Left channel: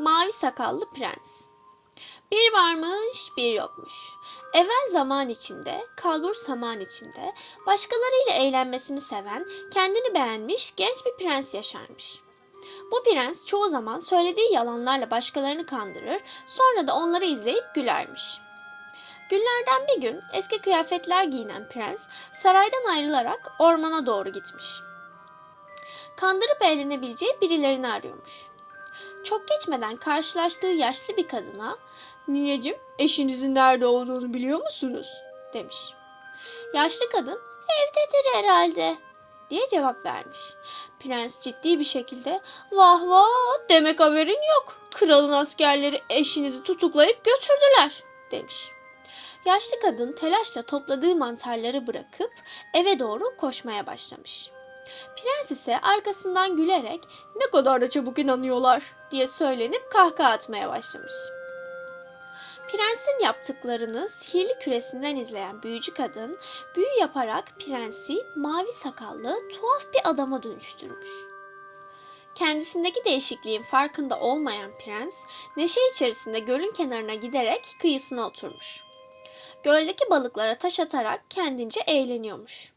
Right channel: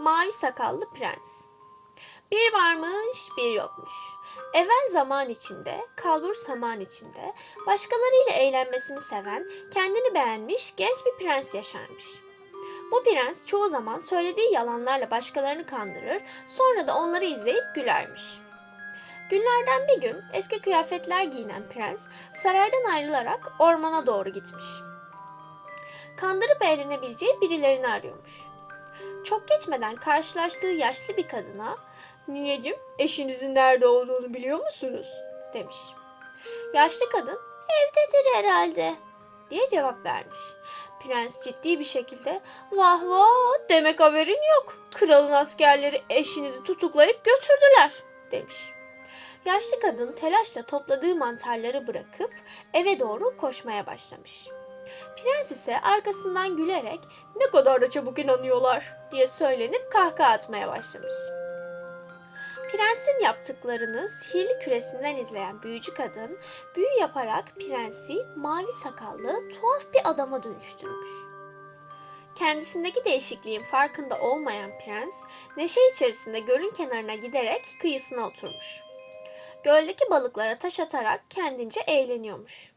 Mavi Sakallı Prens Bir varmış bir yokmuş. Evvel zaman içinde, kalbur saman içinde, başkalarıyla eğlenmesini seven, kendini beğenmiş genç bir prens yaşarmış. Bu prens çoğu zaman söylediği yalanlarla başkalarını kandırır, sonra da onları izleyip gülermiş. Günlerden bir gün eski kıyafetler giyinen prens saraydan ayrılarak ormana doğru gitmiş. Kandırıp eğlenebileceği birilerini arıyormuş. Çok geçmeden karşılaştığı yaşlı bir kadına "Nineciğim, eşinizin nerede olduğunu biliyor musunuz?" demiş. Yaşlı kadın "Evdedir herhalde." diye cevap vermiş. Prens ciddi bir şekilde "Vah vah, demek haberin yok. Kralın askerleri eşinizi tutuklayıp götürdüler." demiş. Yaşlı kadın telaşla topladığı mantarları bırakıp eve doğru koşmaya başlamış. Prens ise arkasından gülerek ne kadar da çabuk inanıyorlar diye söylenip kahkaha atmaya başlamış. Prensin yaptıklarını sihirli küresinden izleyen büyücü kadın büyü yaparak prensi mavi sakallı tuhaf bir adama dönüştürmüş. Kendisindeki değişikliğin farkında olmayan prens neşe içerisinde gölün kenarına giderek kıyısına oturmuş. Göldeki balıklara taş atarak kendince eğleniyormuş.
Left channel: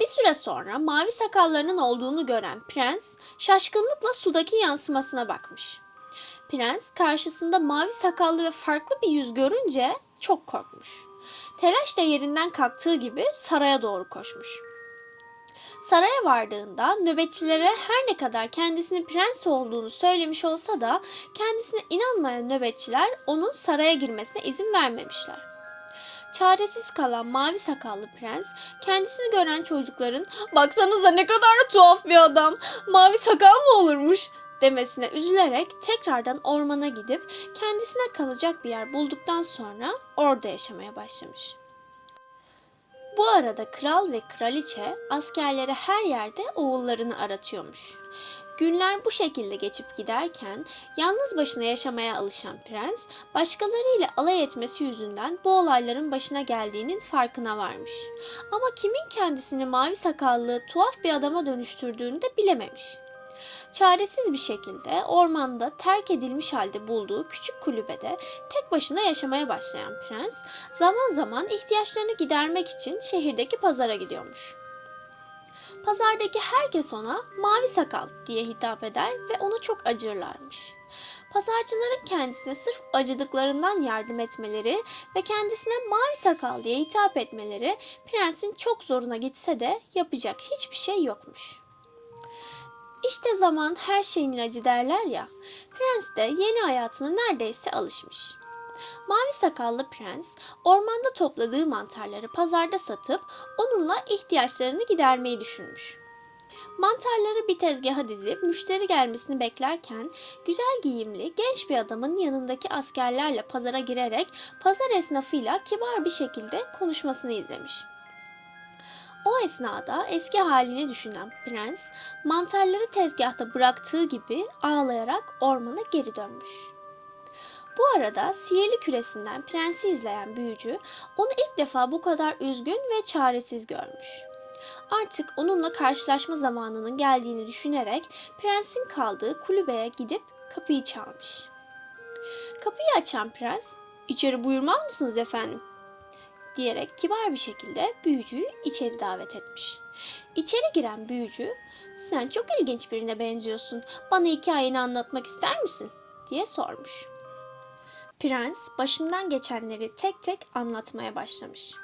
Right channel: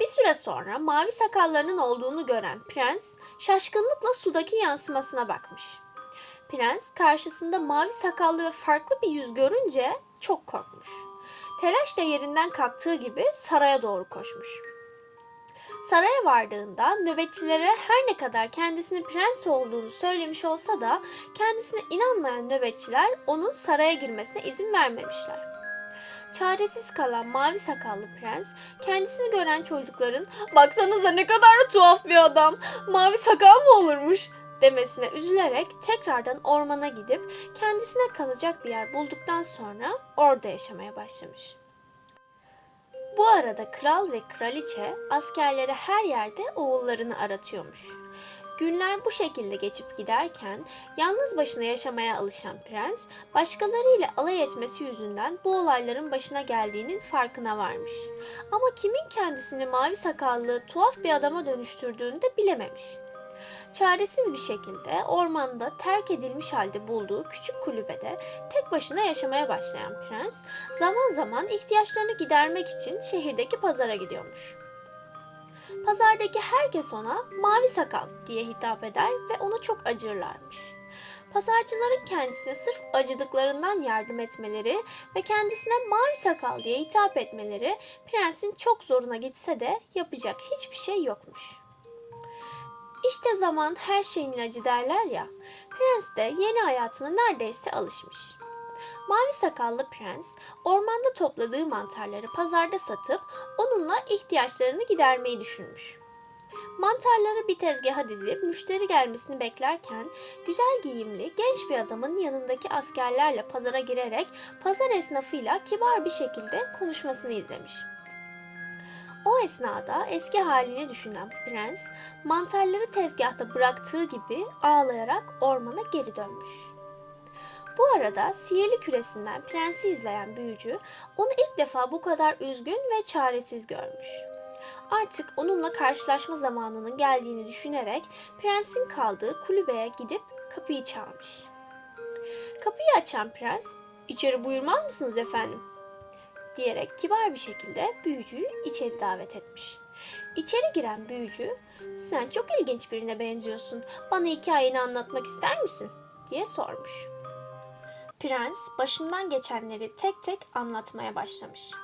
Bir süre sonra mavi sakallarının olduğunu gören prens şaşkınlıkla sudaki yansımasına bakmış. Prens karşısında mavi sakallı ve farklı bir yüz görünce çok korkmuş. Telaşla yerinden kalktığı gibi saraya doğru koşmuş. Saraya vardığında nöbetçilere her ne kadar kendisinin prens olduğunu söylemiş olsa da kendisine inanmayan nöbetçiler onun saraya girmesine izin vermemişler. Çaresiz kalan mavi sakallı prens kendisini gören çocukların baksanıza ne kadar da tuhaf bir adam mavi sakal mı olurmuş demesine üzülerek tekrardan ormana gidip kendisine kalacak bir yer bulduktan sonra orada yaşamaya başlamış. Bu arada kral ve kraliçe askerleri her yerde oğullarını aratıyormuş. Günler bu şekilde geçip giderken yalnız başına yaşamaya alışan prens başkalarıyla alay etmesi yüzünden bu olayların başına geldiğinin farkına varmış. Ama kimin kendisini mavi sakallı tuhaf bir adama dönüştürdüğünü de bilememiş. Çaresiz bir şekilde ormanda terk edilmiş halde bulduğu küçük kulübede tek başına yaşamaya başlayan prens zaman zaman ihtiyaçlarını gidermek için şehirdeki pazara gidiyormuş. Pazardaki herkes ona mavi sakal diye hitap eder ve ona çok acırlarmış. Pazarcıların kendisine sırf acıdıklarından yardım etmeleri ve kendisine mavi sakal diye hitap etmeleri prensin çok zoruna gitse de yapacak hiçbir şey yokmuş. İşte zaman her şeyin ilacı derler ya. Prens de yeni hayatına neredeyse alışmış. Mavi sakallı prens ormanda topladığı mantarları pazarda satıp onunla ihtiyaçlarını gidermeyi düşünmüş. Mantarları bir tezgaha dizip müşteri gelmesini beklerken güzel giyimli genç bir adamın yanındaki askerlerle pazara girerek pazar esnafıyla kibar bir şekilde konuşmasını izlemiş. O esnada eski halini düşünen prens mantarları tezgahta bıraktığı gibi ağlayarak ormana geri dönmüş. Bu arada sihirli küresinden prensi izleyen büyücü onu ilk defa bu kadar üzgün ve çaresiz görmüş. Artık onunla karşılaşma zamanının geldiğini düşünerek prensin kaldığı kulübeye gidip kapıyı çalmış. Kapıyı açan prens, "İçeri buyurmaz mısınız efendim?" diyerek kibar bir şekilde büyücüyü içeri davet etmiş. İçeri giren büyücü, "Sen çok ilginç birine benziyorsun. Bana hikayeni anlatmak ister misin?" diye sormuş. Prens başından geçenleri tek tek anlatmaya başlamış.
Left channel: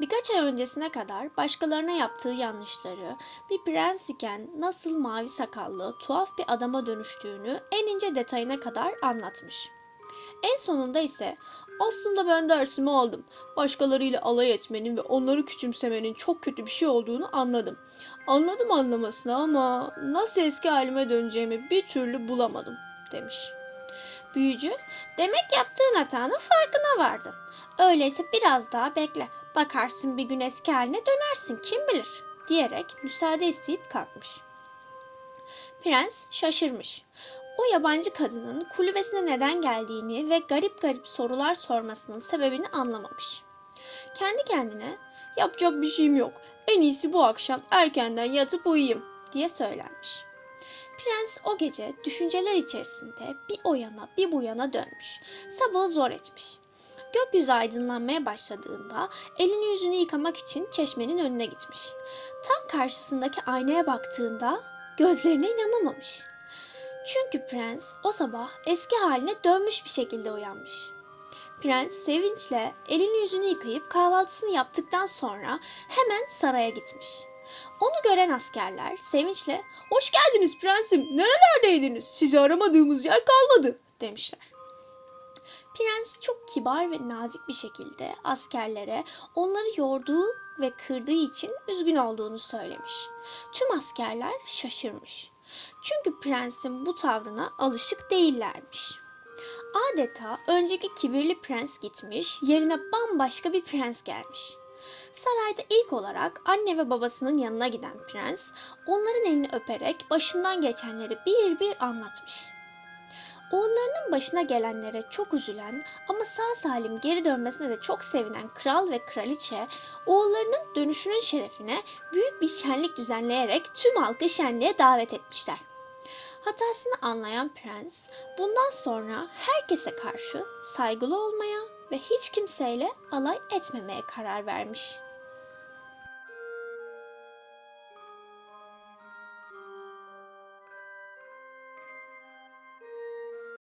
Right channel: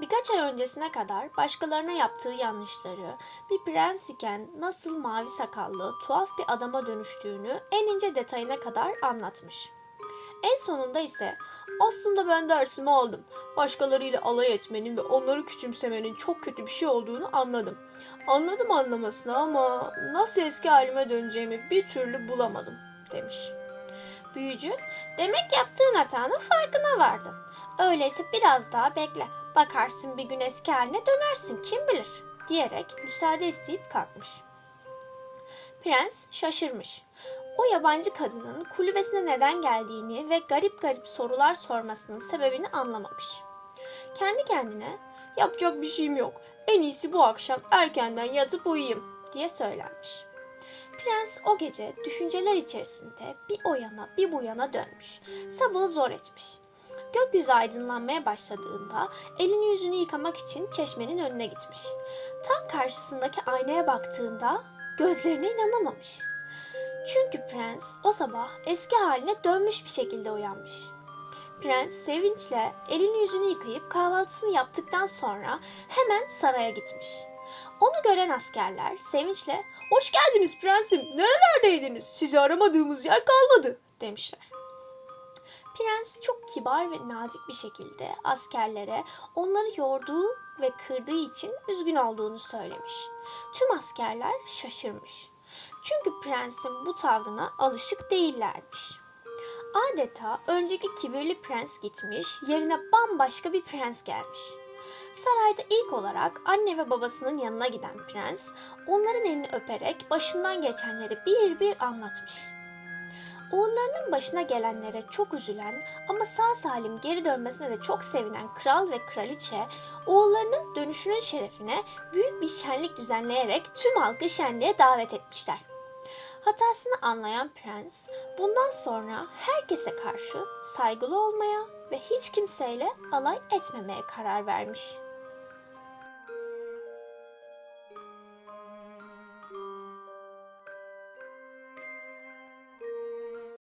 Birkaç ay öncesine kadar başkalarına yaptığı yanlışları, bir prens iken nasıl mavi sakallı, tuhaf bir adama dönüştüğünü en ince detayına kadar anlatmış. En sonunda ise aslında ben dersimi aldım. Başkalarıyla alay etmenin ve onları küçümsemenin çok kötü bir şey olduğunu anladım. Anladım anlamasını ama nasıl eski halime döneceğimi bir türlü bulamadım demiş. Büyücü, demek yaptığın hatanın farkına vardın. Öyleyse biraz daha bekle. Bakarsın bir gün eski haline dönersin kim bilir diyerek müsaade isteyip kalkmış. Prens şaşırmış. O yabancı kadının kulübesine neden geldiğini ve garip garip sorular sormasının sebebini anlamamış. Kendi kendine yapacak bir şeyim yok. En iyisi bu akşam erkenden yatıp uyuyayım diye söylenmiş. Prens o gece düşünceler içerisinde bir o yana bir bu yana dönmüş. Sabahı zor etmiş. Gökyüzü aydınlanmaya başladığında elini yüzünü yıkamak için çeşmenin önüne gitmiş. Tam karşısındaki aynaya baktığında gözlerine inanamamış. Çünkü prens o sabah eski haline dönmüş bir şekilde uyanmış. Prens sevinçle elini yüzünü yıkayıp kahvaltısını yaptıktan sonra hemen saraya gitmiş. Onu gören askerler sevinçle ''Hoş geldiniz prensim, nerelerdeydiniz? Sizi aramadığımız yer kalmadı.'' demişler. Prens çok kibar ve nazik bir şekilde askerlere onları yorduğu ve kırdığı için üzgün olduğunu söylemiş. Tüm askerler şaşırmış. Çünkü prensin bu tavrına alışık değillermiş. Adeta önceki kibirli prens gitmiş, yerine bambaşka bir prens gelmiş. Sarayda ilk olarak anne ve babasının yanına giden prens, onların elini öperek başından geçenleri bir bir anlatmış. Oğullarının başına gelenlere çok üzülen ama sağ salim geri dönmesine de çok sevinen kral ve kraliçe, oğullarının dönüşünün şerefine büyük bir şenlik düzenleyerek tüm halkı şenliğe davet etmişler. Hatasını anlayan prens bundan sonra herkese karşı saygılı olmaya ve hiç kimseyle alay etmemeye karar vermiş.